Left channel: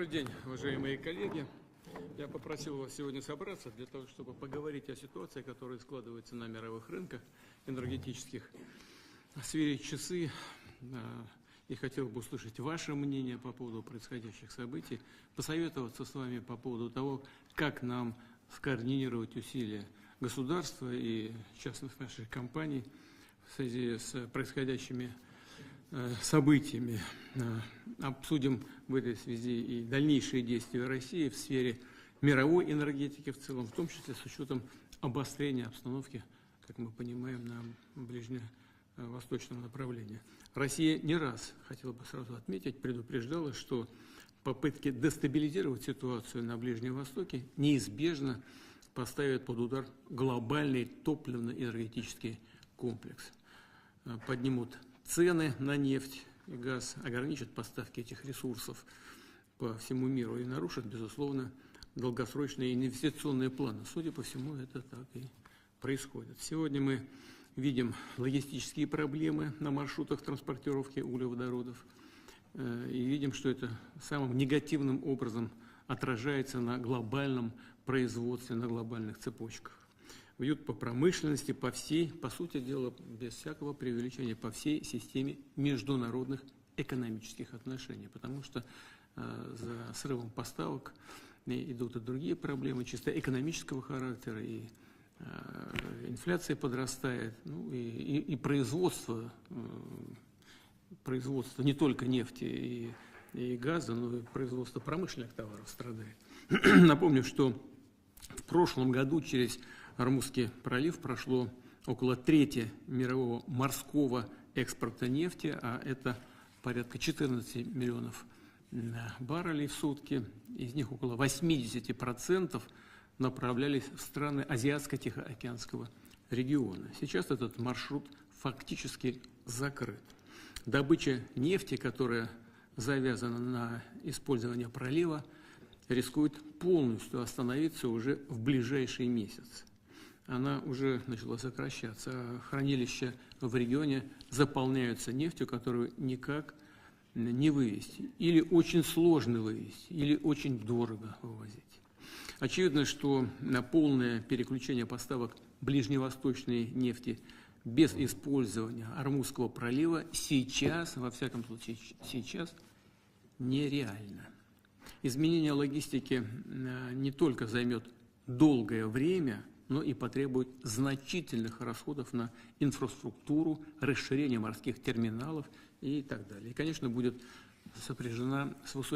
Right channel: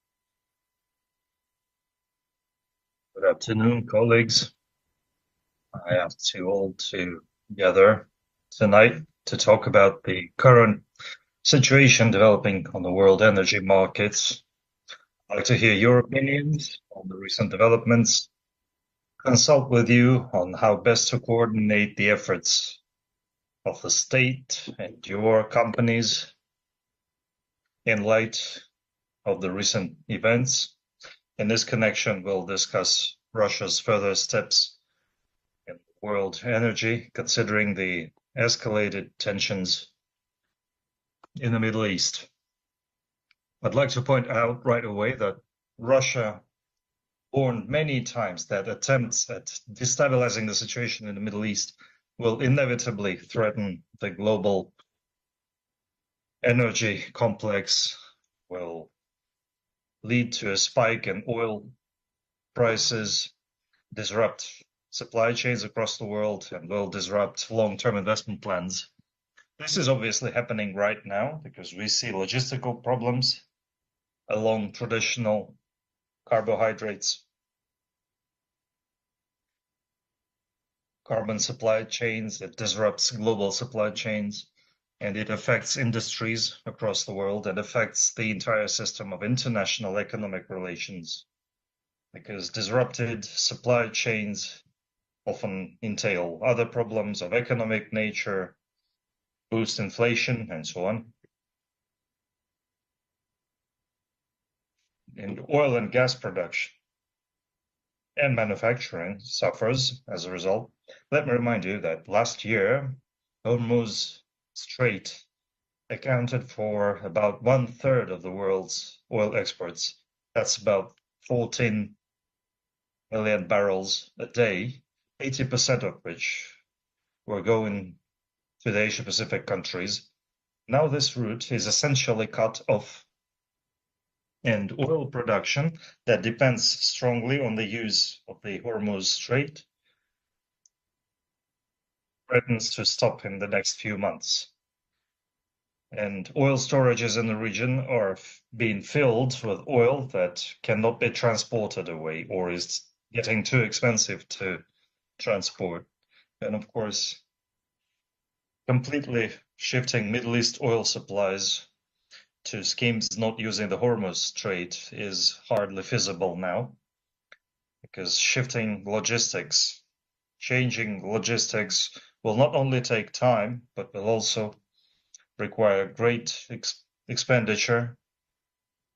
Good afternoon, colleagues. I asked you all to gather tonight to talk about the current situation developing on the world energy markets. I'd like to hear your opinions on the recent developments, consult with you on how best to coordinate the efforts of the state and your companies in light of the recent events. In this connection, we'll discuss Russia's further steps in world energy, considering the escalated tensions in the Middle East. I'd like to point out right away that Russia warned many times that attempts at destabilizing the situation in the Middle East will inevitably threaten the global energy complex, will lead to a spike in oil prices, disrupt supply chains across the world, and will disrupt long-term investment plans. This is obviously happening right now because we see logistical problems along traditional carbohydrates, carbon supply chains. It disrupts global supply chains, and it affects industries across the world and affects the entire system of international economic relations, because disrupted supply chains often entail other problems of economic nature, boost inflation, and so on. And oil and gas production and manufacturing suffers as a result. Let me remind you that last year, Hormuz Strait accounted for about 1/3 of the world's oil exports. That's about 14 million barrels a day, 80% of which were going to the Asia-Pacific countries. Now this route is essentially cut off, and oil production that depends strongly on the use of the Hormuz Strait threatens to stop in the next few months. And oil storages in the region are being filled with oil that cannot be transported away or is getting too expensive to transport. And of course, completely shifting Middle East oil supplies to schemes not using the Hormuz Strait is hardly feasible now, because shifting logistics, changing logistics will not only take time, but will also require great expenditure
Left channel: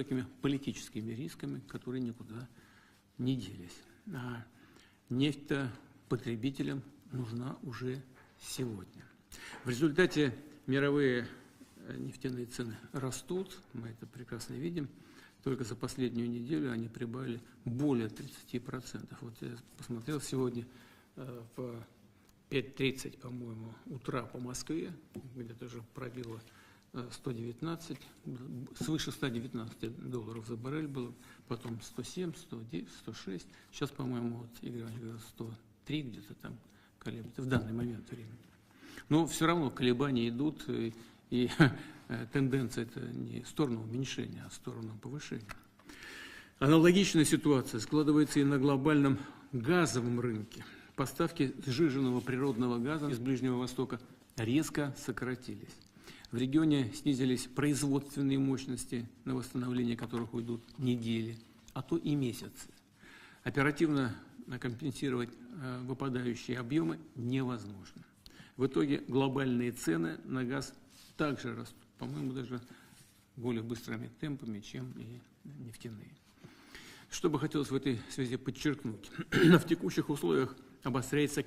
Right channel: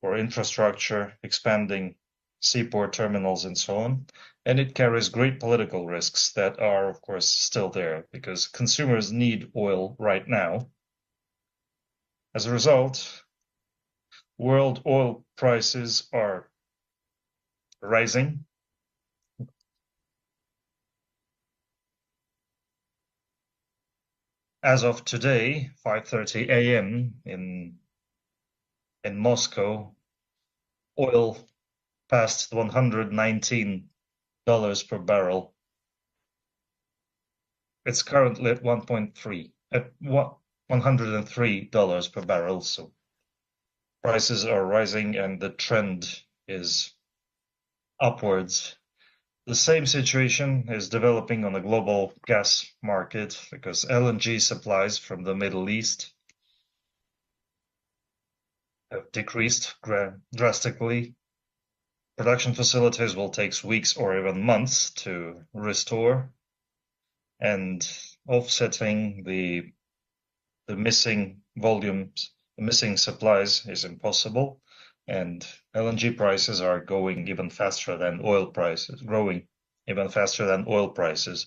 for infrastructure, expanding seaport terminals and so on. And it carries great political risks that are, of course, still there, because consumers need oil right now. As a result, world oil prices are rising. As of today, 5:30 a.m. in Moscow, oil passed $119 per barrel. It's currently at $103 per barrel. So prices are rising and the trend is upwards. The same situation is developing on the global gas market, because LNG supplies from the Middle East have decreased drastically. Production facilities will take weeks or even months to restore, and offsetting the missing volumes, the missing supplies is impossible, and LNG prices are going even faster than oil prices, growing even faster than oil prices.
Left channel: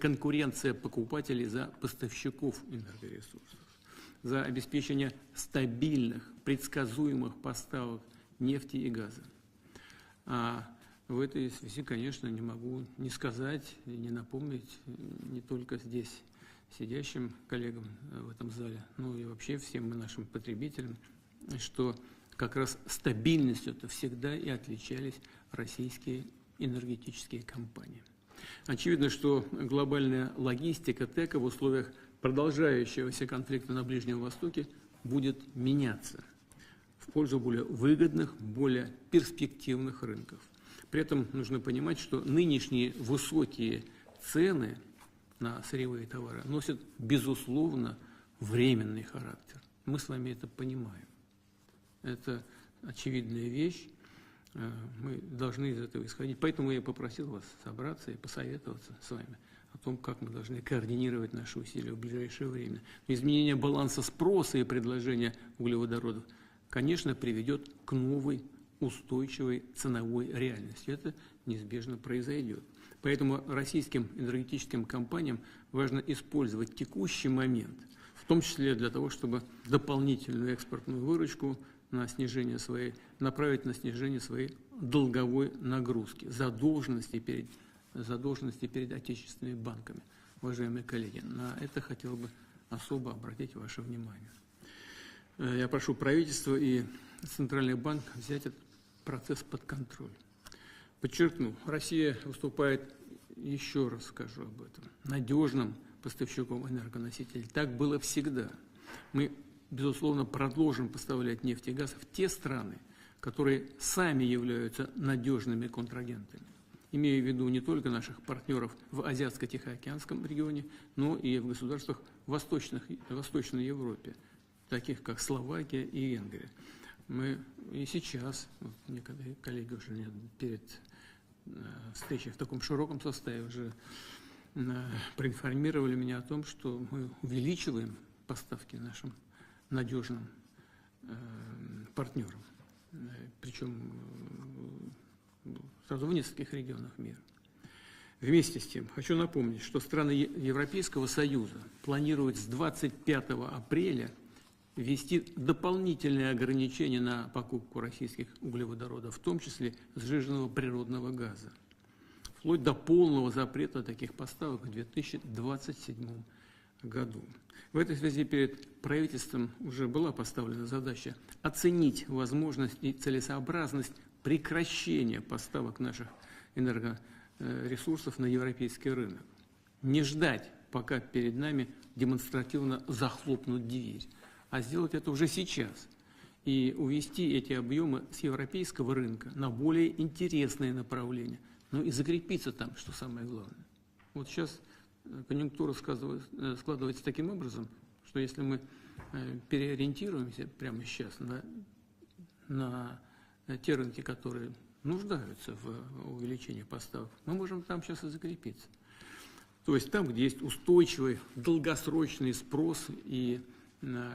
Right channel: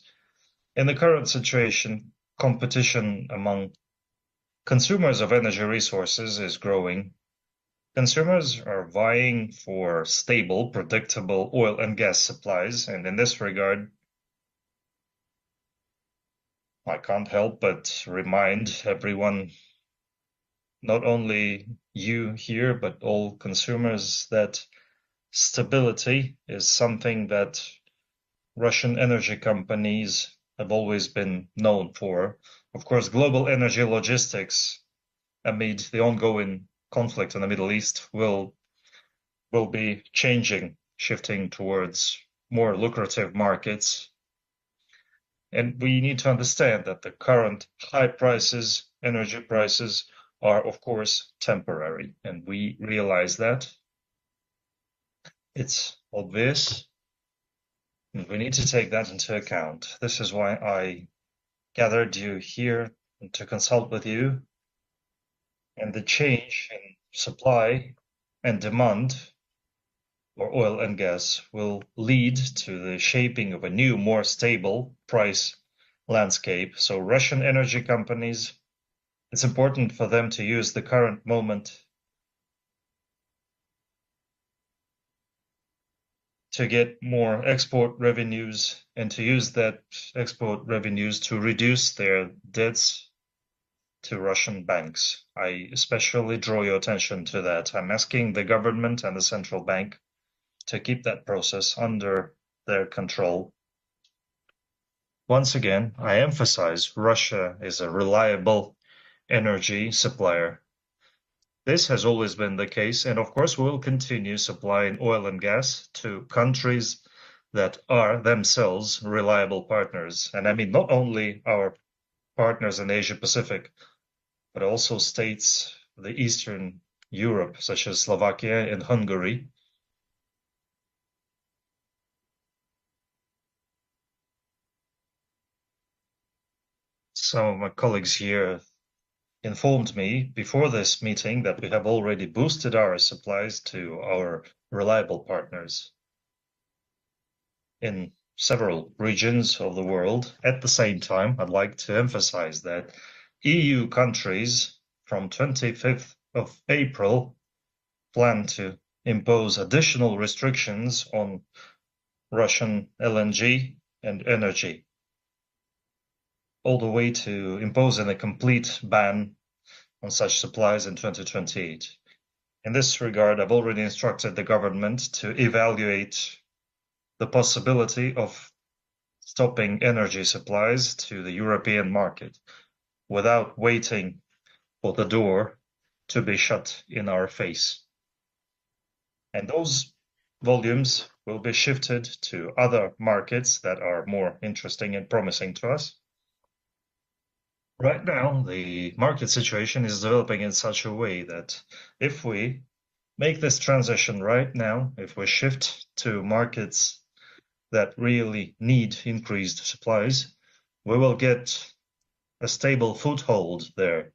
In the current situation, competition among consumers of energy resources is growing. Consumers are vying for stable, predictable oil and gas supplies, and in this regard, I can't help but remind everyone, not only you here, but all consumers, that stability is something that Russian energy companies have always been known for. Of course, global energy logistics, amid the ongoing conflict in the Middle East will be shifting towards more lucrative markets. And we need to understand that the current high prices, energy prices, are of course temporary, and we realize that. It's obvious, and we need to take that into account. This is why I gathered you here to consult with you, and the change in supply and demand for oil and gas will lead to the shaping of a new, more stable price landscape. So Russian energy companies, it's important for them to use the current moment to get more export revenues and to use that export revenues to reduce their debts to Russian banks. I especially draw your attention to that. I'm asking the government and the central bank to keep that process under their control. Once again, I emphasize Russia is a reliable energy supplier. This has always been the case, and of course we will continue supplying oil and gas to countries that are themselves reliable partners. And I mean not only our partners in Asia Pacific, but also states in Eastern Europe, such as Slovakia and Hungary. So my colleagues here informed me before this meeting that we have already boosted our supplies to our reliable partners in several regions of the world. At the same time, I'd like to emphasize that EU countries from 25th of April plan to impose additional restrictions on Russian LNG and energy, all the way to imposing a complete ban on such supplies in 2028. In this regard, I've already instructed the government to evaluate the possibility of stopping energy supplies to the European market without waiting for the door to be shut in our face. And those volumes will be shifted to other markets that are more interesting and promising to us. Right now, the market situation is developing in such a way that if we make this transition right now, if we shift to markets that really need increased supplies, we will get a stable foothold there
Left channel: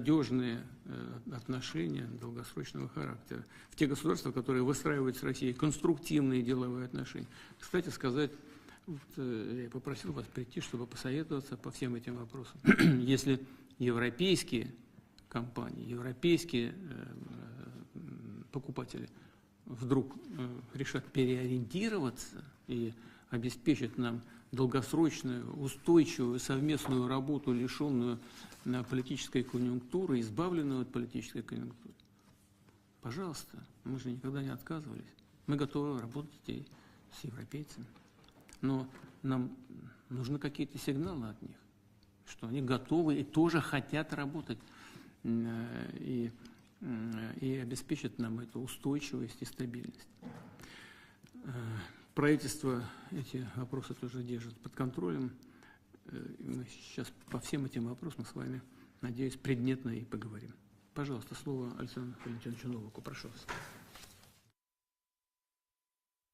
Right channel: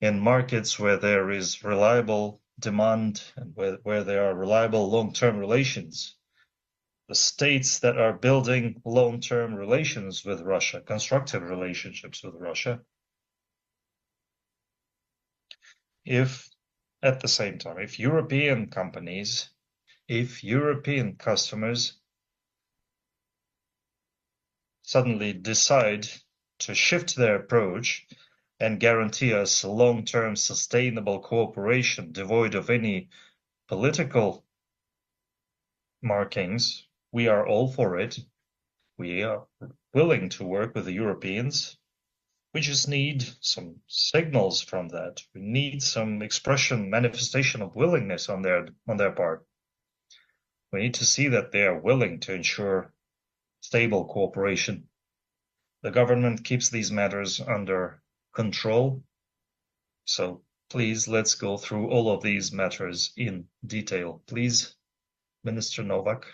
in markets where there is reliable demand, where there are reliable long-term relations. The states that are building long-term relations with Russia, constructive relationships with Russia, if at the same time, if European companies, if European customers suddenly decide to shift their approach and guarantee us long-term sustainable cooperation devoid of any political markings, we are all for it. We are willing to work with the Europeans. We just need some signals from that. We need some expression, manifestation of willingness on their part. We need to see that they are willing to ensure stable cooperation. The government keeps these matters under control. So please, let's go through all of these matters in detail. Please, Minister Novak.